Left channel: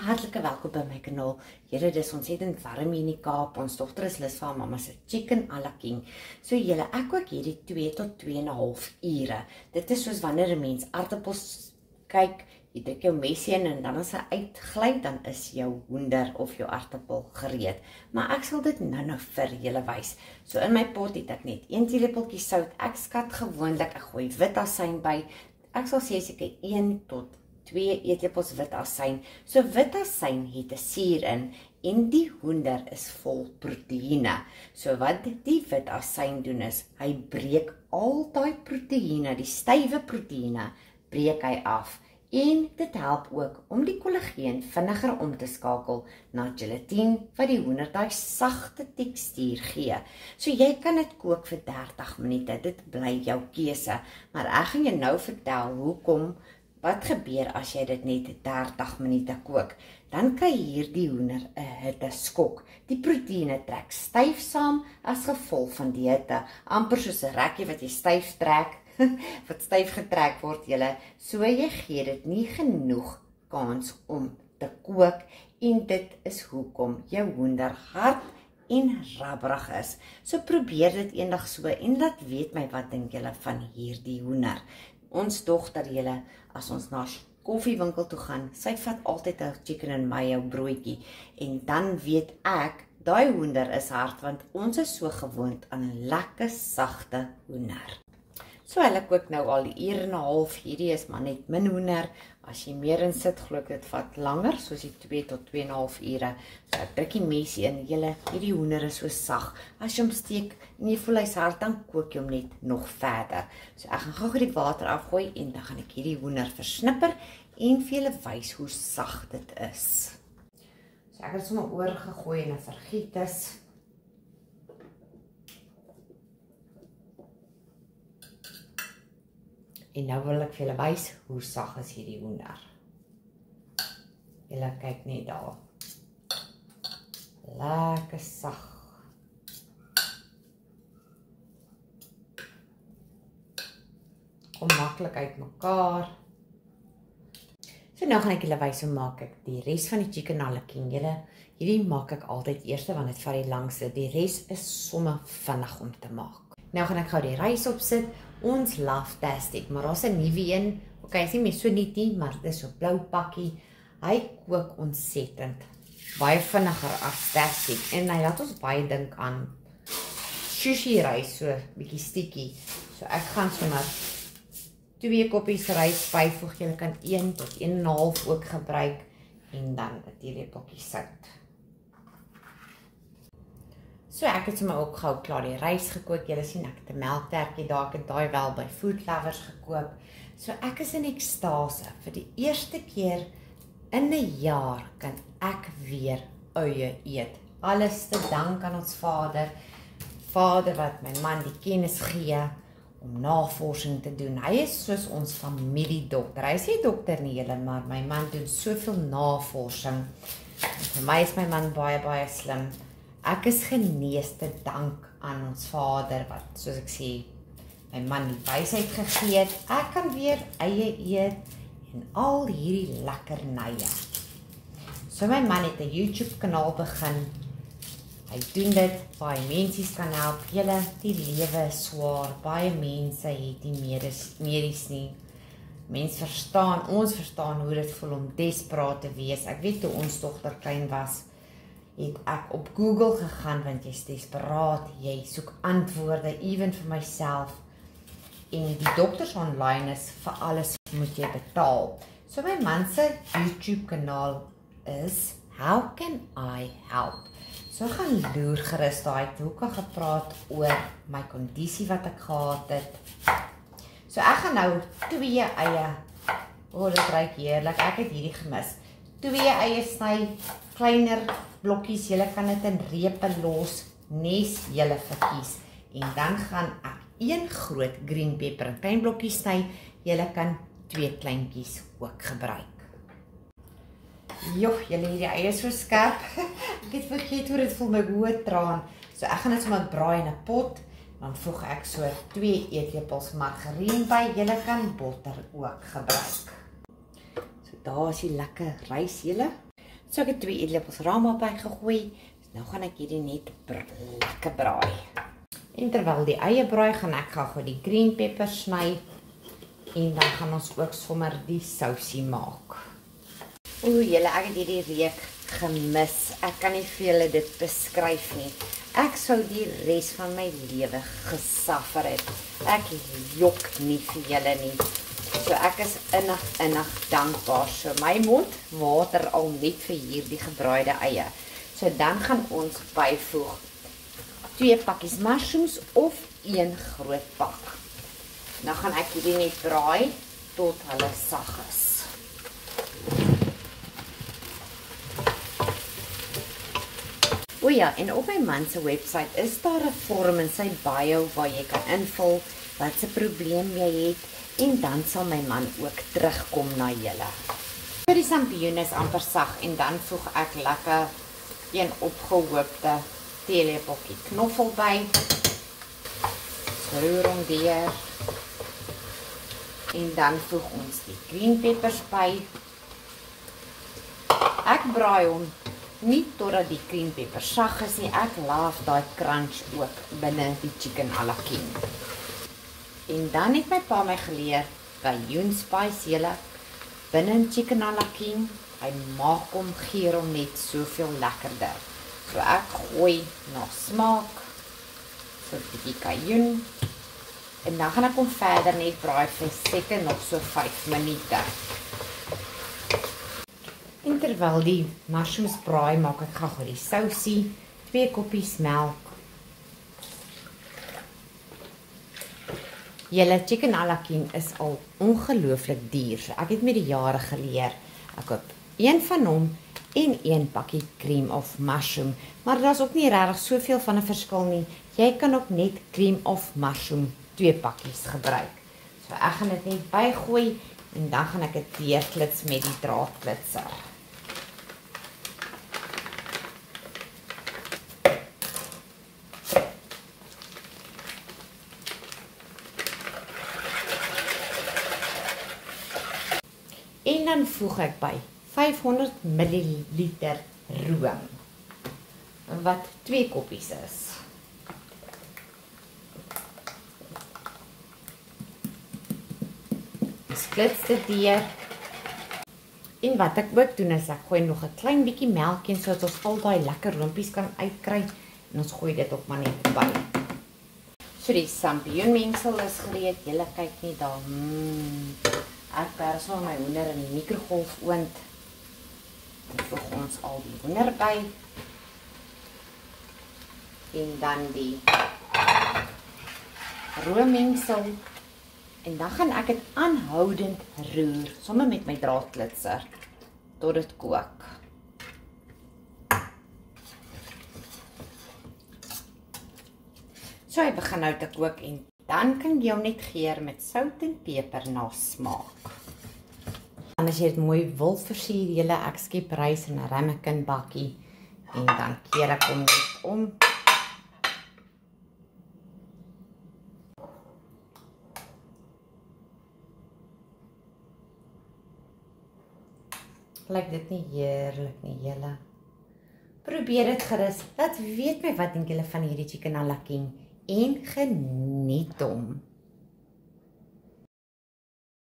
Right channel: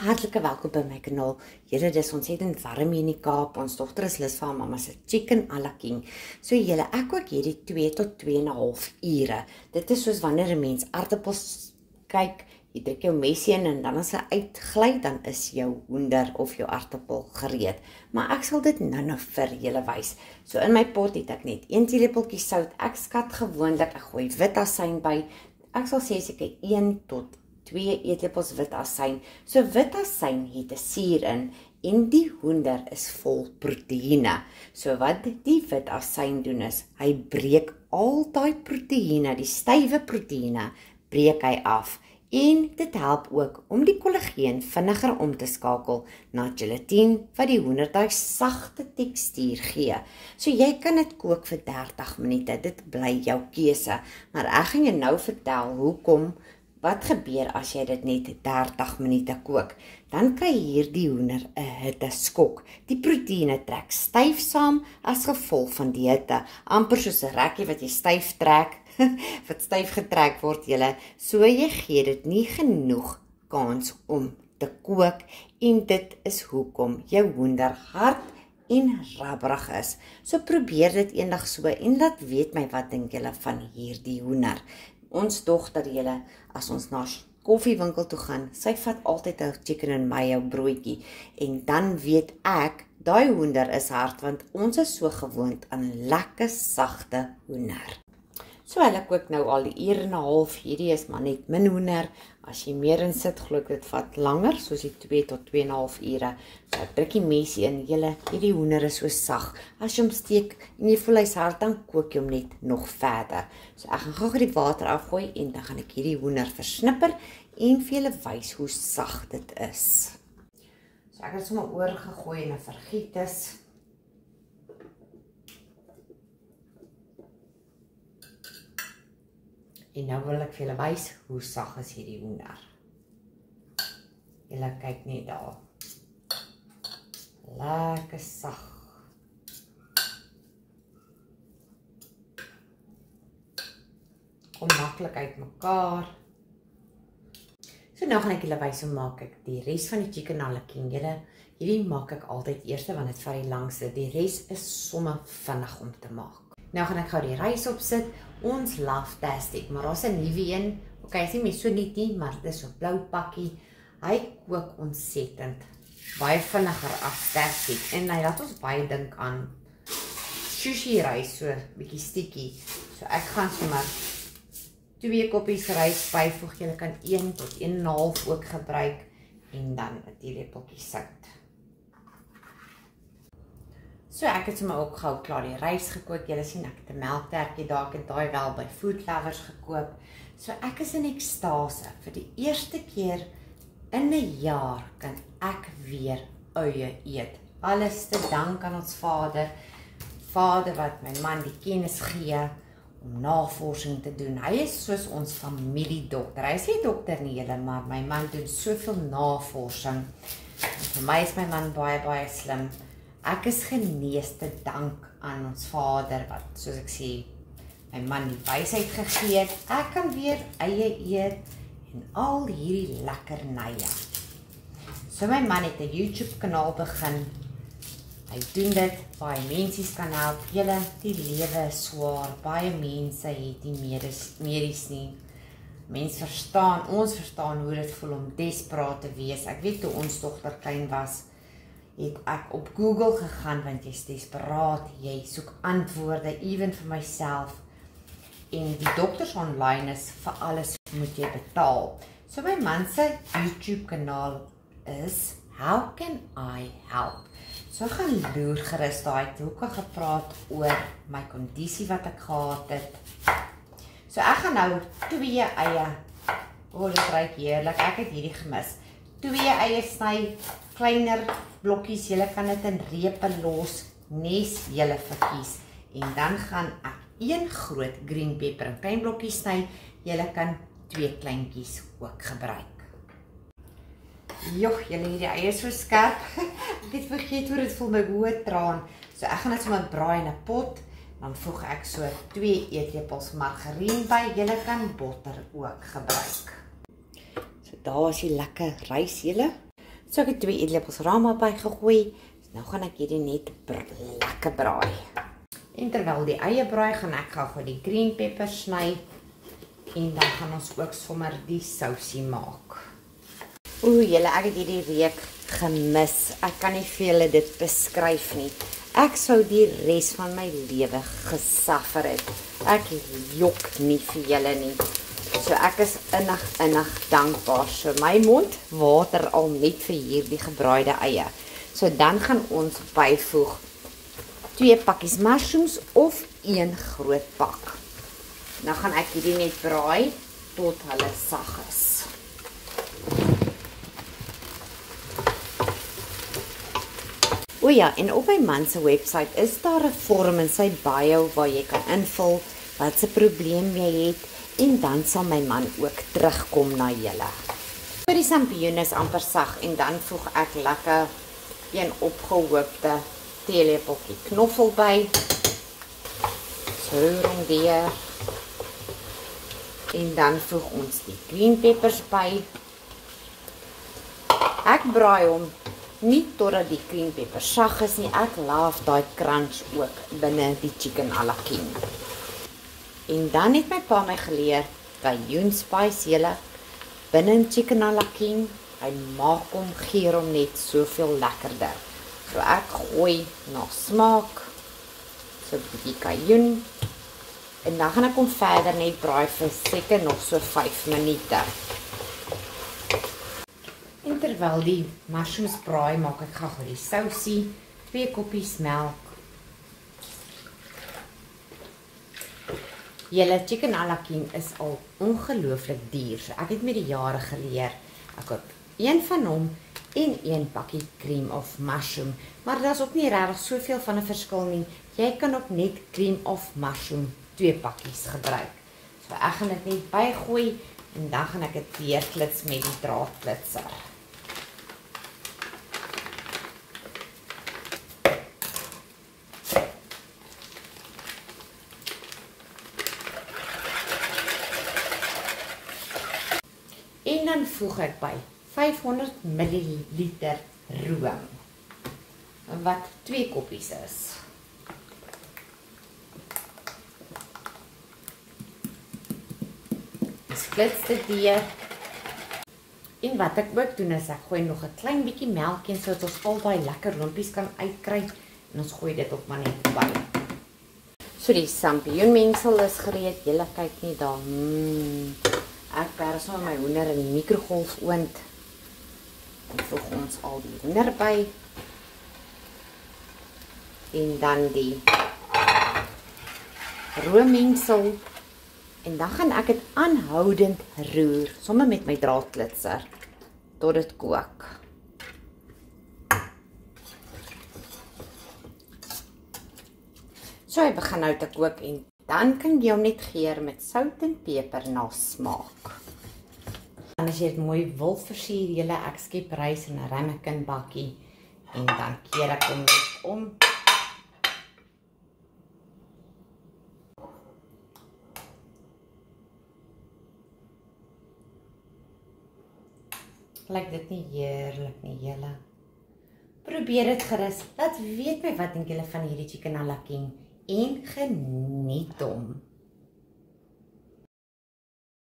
hartlike welkom by my kanaal. Julle, dis ontsettend warm hier in die Kaap. Ons dogter is lus vir haar mamma se chicken à la king. So julle, ek kook hierdie 2 tot 2,5 ure. Dit is soos wanneer 'n mens aardappels kyk, jy druk jou mesie in en dan as hy uitgly, dan is jou hoender of jou aardappel gereed. Maar ek sal dit nou vir julle wys. So in my pot het ek net 1 teelepeltjie sout. Ek skat gewoonlik, ek gooi wit asyn by. Ek sal sê seker 1 tot 2 eetlepels wit asyn. So wit asyn het 'n suur in en die hoender is vol proteïene. So wat die wit asyn doen is, hy breek al daai proteïene, die stywe proteïene, breek hy af. En dit help ook om die kollageen vinniger om te skakel na gelatine wat die hoender daai sagte tekstuur gee. So jy kan dit kook vir 30 minute, dit bly jou keuse. Maar ek gaan jou nou vertel hoekom. Wat gebeur as jy dit net 30 minute kook? Dan kry hierdie hoender 'n hitteskok. Die proteïene trek styf saam as gevolg van die hitte, amper soos 'n rekkie wat jy styf trek, wat styf getrek word julle. So jy gee dit nie genoeg kans om te kook en dit is hoekom jou hoender hard en rabberig is. So probeer dit eendag so en laat weet my wat dink julle van hierdie hoender. Ons dogter julle, as ons na koffiewinkel toe gaan, sy vat altyd 'n chicken and mayo broodjie en dan weet ek, daai hoender is hard want ons is so gewoond aan 'n lekker sagte hoender. So hulle kook nou al die ure en 'n half, hierdie is maar net min hoender. As jy meer in sit, glo ek dit vat langer, soos die 2 tot 2,5 ure. So ek druk die mesie in, julle, hierdie hoender is so sag. As jy hom steek en jy voel hy's hard, dan kook jy hom net nog verder. So ek gaan gou die water afgooi en dan gaan ek hierdie hoender versnipper en vir julle wys hoe sag dit is. So ek het sommer oorgegooi in 'n vergietis. En nou wil ek vir julle wys hoe sag is hierdie hoender. Julle kyk net daar. Lekker sag. Kom maklik uit mekaar. So nou gaan ek julle wys hoe maak ek die res van die chicken à la king. Julle, hierdie maak ek altyd eers want dit vat die langste. Die res is sommer vinnig om te maak. Nou gaan ek gou die rys opsit. Ons Love-tastic, maar daar's 'n nuwe een. Okay, is nie meer so net nie, maar dit is so blou pakkie. Hy kook ontsettend. Baie vinniger as Tastic en hy laat ons baie dink aan sushi rys, so bietjie stikkie. So ek gaan sommer 2 koppies rys byvoeg. Jy kan 1 tot 1,5 ook gebruik en dan 'n teelepeltjie sout. So ek het sommer ook gou klaar die rys gekook. Julle sien ek het 'n melktertjie daar, ek het daai wel by Food Lovers gekoop. So ek is in ekstase. Vir die eerste keer in 'n jaar kan ek weer uie eet. Alles te dank aan ons Vader. Vader wat my man die kennis gee om navorsing te doen. Hy is soos ons familiedokter. Hy is nie dokter nie julle, maar my man doen soveel navorsing. En vir my is my man baie slim. Ek is genees te dank aan ons Vader wat, soos ek sê, my man die wysheid gegee het. Ek kan weer eie eet en al hierdie lekkernye. So my man het 'n YouTube kanaal begin. Hy doen dit, baie mense kan help. Julle, die lewe is swaar. Baie mense het nie medies nie. Ons verstaan hoe dit voel om desperaat te wees. Ek weet toe ons dogter klein was, het ek op Google gegaan, want jy's desperaat, jy soek antwoorde, even vir myself, en die dokters online is, vir alles moet jy betaal. So my man se YouTube kanaal is, How Can I Help? So ek gaan loer gerus daai, ook al gepraat oor my kondisie wat ek gehad het. So ek gaan nou 2 eie, dit ruik heerlik, ek het hierdie gemis, 2 eie sny, kleiner blokkies, julle kan dit in repe los, nes julle verkies. En dan gaan ek 1 groot green pepper in klein blokkies sny, julle kan 2 kleintjies ook gebruik. Joh, julle hierdie eie is so skerp, ek het vergeet hoe dit voel my hoë traan. So ek gaan dit sommer braai in 'n pot, dan voeg ek so 2 eetlepels margarien by, julle kan botter ook gebruik. So daar is die lekker rys julle. So ek het 2 eetlepels rama bygegooi. Nou gaan ek hierdie net lekker braai. En terwyl die eie braai, gaan ek gou die green pepper sny. En dan gaan ons ook sommer die sousie maak. Julle, ek het hierdie reuk gemis. Ek kan nie vir julle dit beskryf nie. Ek sou die res van my lewe gesuffer het. Ek jok nie vir julle nie. So ek is innig dankbaar. So my mond water al net vir hierdie gebraaide eie. So dan gaan ons byvoeg 2 pakkies mushrooms of 1 groot pak. Nou gaan ek hierdie net braai tot hulle sag is. O ja, en op my man se webwerf is daar 'n vorm in sy bio waar jy kan invul wat se probleem jy het en dan sal my man ook terugkom na julle. Vir die sampioen is amper sag en dan voeg ek lekker 'n opgehoopte teelepeltjie knoffel by. Roer hom weer. En dan voeg ons die green peppers by. Ek braai hom nie totdat die green pepper sag is nie. Ek laaf daai crunch ook binne die chicken à la king. En dan het my pa my geleer cajun spice julle binne in chicken à la king. Hy maak hom, geur hom net soveel lekkerder. So ek gooi na smaak so 'n bietjie cajun. En dan gaan ek hom verder net braai vir seker nog so 5 minute. En terwyl die mushrooms braai, maak ek gou die sousie, 2 koppies melk. Julle chicken à la king is al ongelooflik duur. So ek het met die jare geleer. Ek het 1 van hom en 1 pakkie cream of mushroom. Maar daar's ook nie regtig soveel van 'n verskil nie. Jy kan ook net cream of mushroom 2 pakkies gebruik. So ek gaan dit net bygooi en dan gaan ek dit deurklits met die draadklitser. En dan voeg ek by 500 ml room wat 2 koppies is. Splits dit deur. En wat ek ook doen is ek gooi nog 'n klein bietjie melk in sodat ons al daai lekker roompies kan uitkry en ons gooi dit op maar net by. So die sampioenmengsel is gereed. Julle kyk net daar. Ek pers nou my hoender in die mikrogolfoond. Dan voeg ons al die hoender by. En dan die roommengsel. En dan gaan ek dit aanhoudend roer, sommer met my draadklitser, tot dit kook. So hy begin nou te kook en dan kan jy hom net geur met sout en peper na smaak. En as jy dit mooi wil versier, julle, ek skep rys in 'n ramekin bakkie en dan keer ek hom net om. Lyk dit nie heerlik nie, julle? Probeer dit gerus. Laat weet my wat dink julle van hierdie chicken à la king en geniet hom.